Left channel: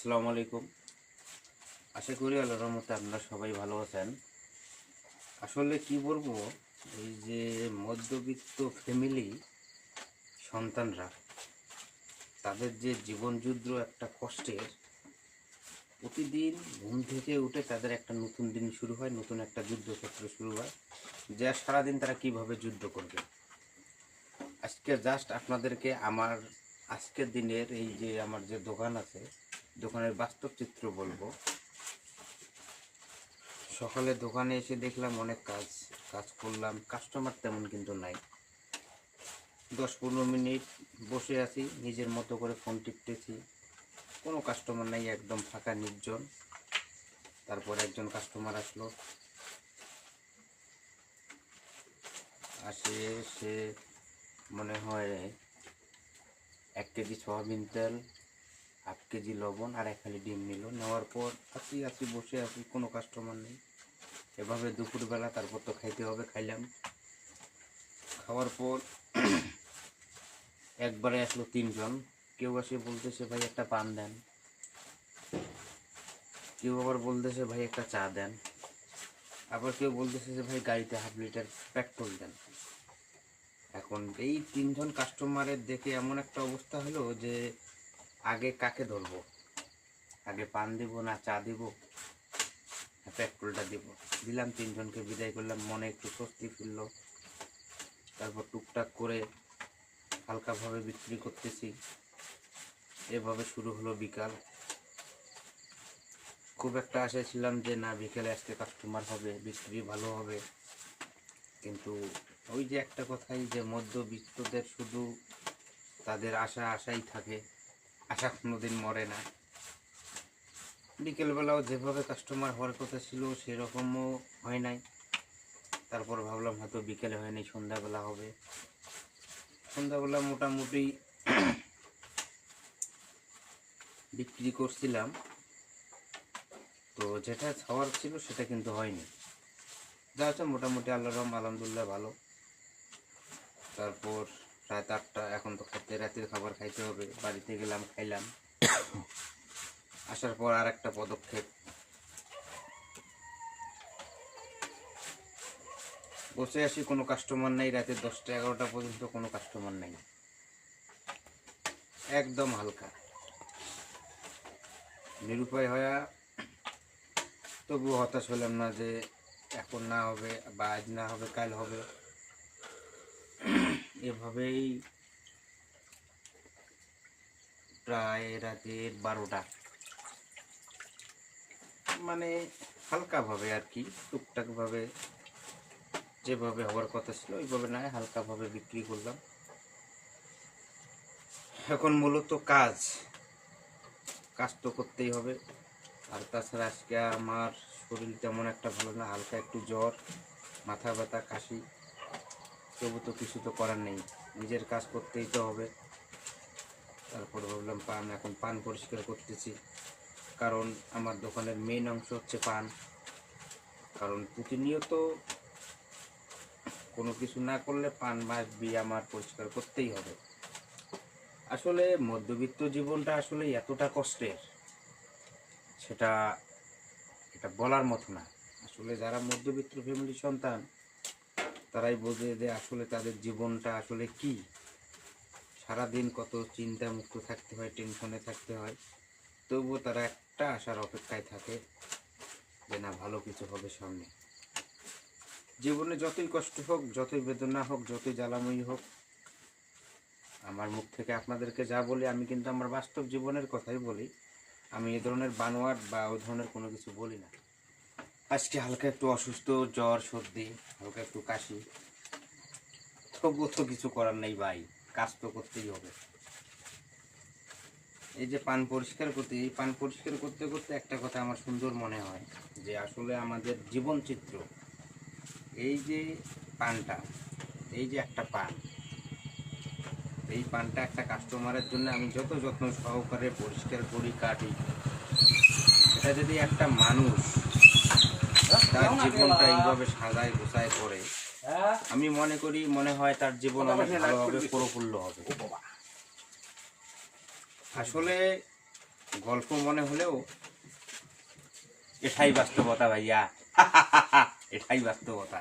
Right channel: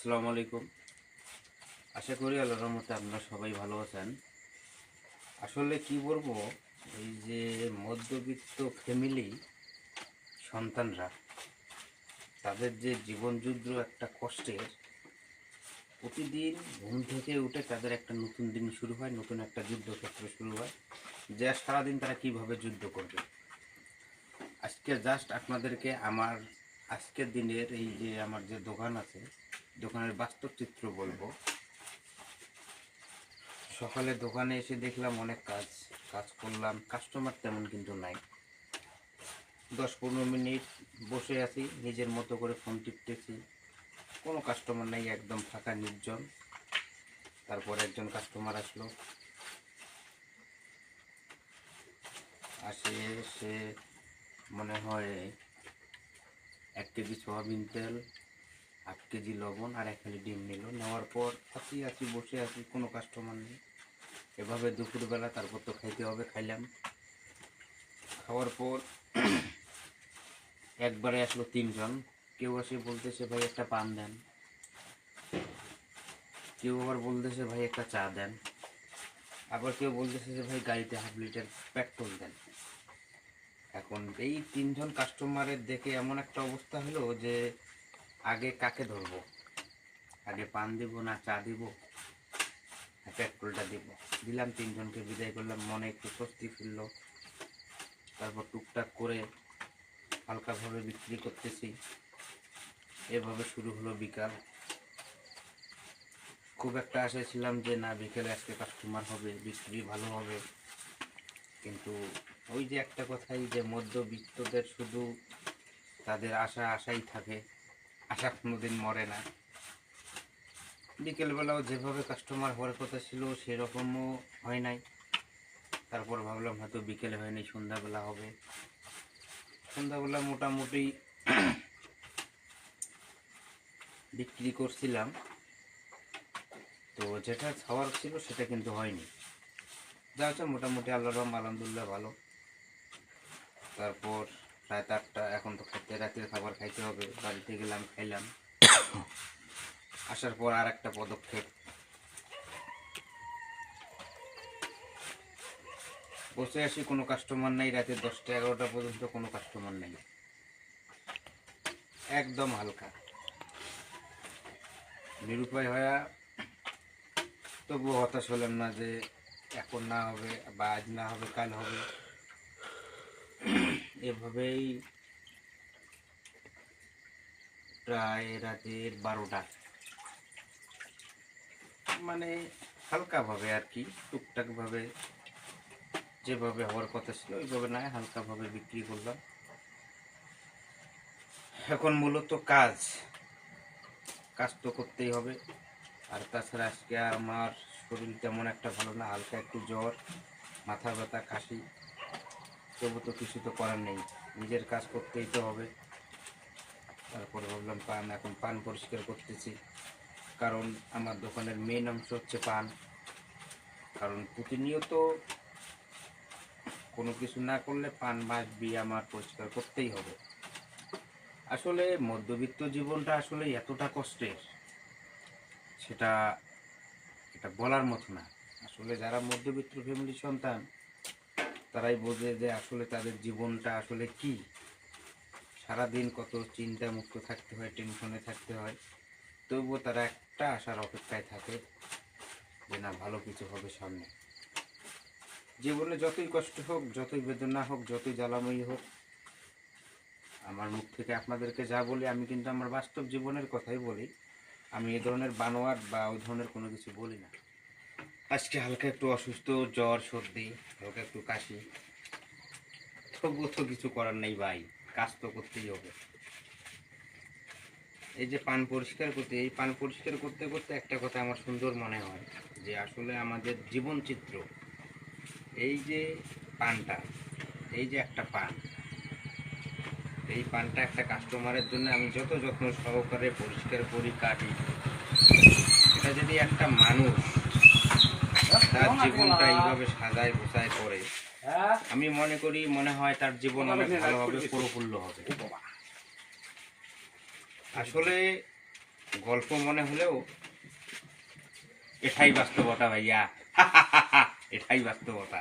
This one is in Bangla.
আসসালামু আলাইকুম। আশা করি আল্লাহর রহমতে আপনারা সবাই ভালো আছেন। আসলে কি বলবো, এই যে মধ্যবিত্ত ফ্যামিলি সন্তানরা তাদের যে জীবনযুদ্ধ একটা কষ্টের, প্রতিদিন ঘুম থেকে উঠে তাদের একটা নতুন দিন শুরু হয়, নতুন একটা যুদ্ধক্ষেত্র শুরু হয়, যে সারাদিন তারা কিভাবে যুদ্ধ করবে। আজকে জাস্ট আপনাদেরকে আমার আজকের দিনের এই যে আমার যে দোকান আছে, দোকানের বাস্তব চিত্র বলবো। সকালে দোকানে এসে দেখলাম অনেক কাজ কাজ করলাম, কাস্টমার তেমন কিন্তু নাই। 10-15 মিনিট বসে আছি, নিজের মতো করে ফোন টিপতেছি, কোনো কাস্টমার নাই, একদম ফাঁকা নির্জন। তারপর একজন কাস্টমার আসলো, আসে সে মনে হয় 1 কেজি সয়াবিন তেল, 1/2 কেজি লবণ আর 1 হালি ডিম নিল। নেওয়ার পর আছি বসে আছি, কোনো কাস্টমার নেই। এভাবে দুপুরবেলা, তারপর তো খাইতে হবে, খাইলাম। খাওয়ার পর একবারে আসলো 3 জন। কেউ এসে বলতেছে ভাই একটা পান দেন, কেউ আবার বলতেছে ভাই একটা চা দেন, আবার কেউ বলতেছে যে ভাই গাড়িতে 1/2 লিটার পেট্রোল দেন। এখন এই 3 জন কাস্টমারের দেখে এমন একটা অবস্থা হলো যে আগে কাকে ধরবো, আগে পান দিব না চা দিব না পেট্রোলটা দিব। দিলাম, 3 জনকে বিদায় করলাম, মনে একটু স্বস্তি ফিরল। তারপর টুকটাক করে হালকাভাবে বিক্রি করতেছি। এভাবে শুরু হলো বিকাল। খুব একটা আশায় ছিলাম যে না, বিকেলে আজকে কাস্টমার হবে, বিক্রি ভালো হবে, কিন্তু ওই যে একটা কথাই যে মধ্যবিত্তদের শুধু তাদের আশাই থাকে, আশা কোনোদিন মরে না। বিকেলবেলাও যেভাবে কাস্টমার হওয়ার কথা ছিল সেরকমও হয় নাই। তারপর ভাবলাম হয়তো বিকেলে হয়নি, সন্ধ্যাবেলা হবে। সন্ধ্যাবেলা মোটামুটি বিক্রি করছিলাম, তো যেটা খাওয়ার ছিল সেটা কিন্তু হয়নি। যা আছে মোটামুটি আলহামদুলিল্লাহ ভালো। তারপর রাত 8টা, এখন তো রাতের খাবার খাইতে হবে। বাড়িতে গেলাম, খাইলাম। আসার পর আর একটা পদক্ষেপ, বসে আসি, কোনো কাস্টমার নেই। রাতে 10টা 11টা পর্যন্ত কোনো কাস্টমার নেই, একদম হালকা নিরুপায় হয়ে তবুও হতাশ হলাম না যে এখন না হবে বা আজ না হবে কাল হবে। এভাবেই প্রায় রাতের 12টা, মানে হালকাভাবে আর কি, টুকটাকভাবে যেভাবে হওয়ার কথা ছিল ওইভাবে নয়, হালকাভাবে বিক্রি করলাম। এখন মূলত কাজ তো করতেই হবে। আর তাছাড়া আজকে আমার শরীর তেমন একটা ভালো না, হালকা একটু জ্বর, মাথা ব্যথা, কাশি। তবু তো কিছু তো করার নেই, নিজের কাজ করতেই তো হবে। তারপর ভাবলাম এখন পান পরিষ্কার করতেছি, কারণ আমার দোকানের মেন অংশ হচ্ছে পান। কারণ প্রতিনিয়ত কোনো কিছু না করলে পান মাস দিয়ে আমার পরিষ্কার করতেই হবে। আসলে মধ্যবিত্ত জীবনটা আসলে এতটা কষ্টের, সেটা এটা বলার মতো না। আসলে যারা মধ্যবিত্ত ফ্যামিলির সন্তান তারাই বোঝে যে আসলে তাদের জীবনটা আসলে কি। সারাদিন কত চিন্তা মুক্ত থাকতে হয়, টেনশনে থাকতে হয়, তবুও তারা একটা আশার অপেক্ষায় থাকে যে না, ভালো কিছু হবে সামনে। জীবনে যতই কষ্ট হোক, যতই বেদনা হোক, যতই জ্বালাময়ী হোক, আমার মুখ থেকে আপনাদেরকে যা বলি আমি কিন্তু আমার বাস্তব জীবনের কথাই বলি। আমি এ ধরনের বানোয়াট বা ওই ধরনের কোনো কিছু বলি না। আজকে হালকা একটু অসুস্থ, জ্বর সর্দি, হালকা একটু কাশি, তবুও তো কিছু করার নেই ভাই, কাজ তো করতেই হবে। এই যে পান পরিষ্কার করতে, এই পান পরিষ্কার করতে করতে একটা কথা আমার সুন্দর মনে হয় যে আসলে আমাদের জীবন চিত্র, এই যে পানটা, এই যে একটা পান, এই পানটা একটা কাস্টমারের জন্য আমি যত যত্ন সহকারে পরিষ্কার করি, কাটি, এটা যদি একটা মানুষ তার জীবনটা এইভাবে সাজায় গোছায় করে, আমি মনে করি, মনে হয় তার জীবন অনেক ভালোভাবে প্রফুল্ল হবে। আসলে গল্প মনে হলেও এটাই বাস্তবতা ভাইয়া, এটাই বাস্তবতা।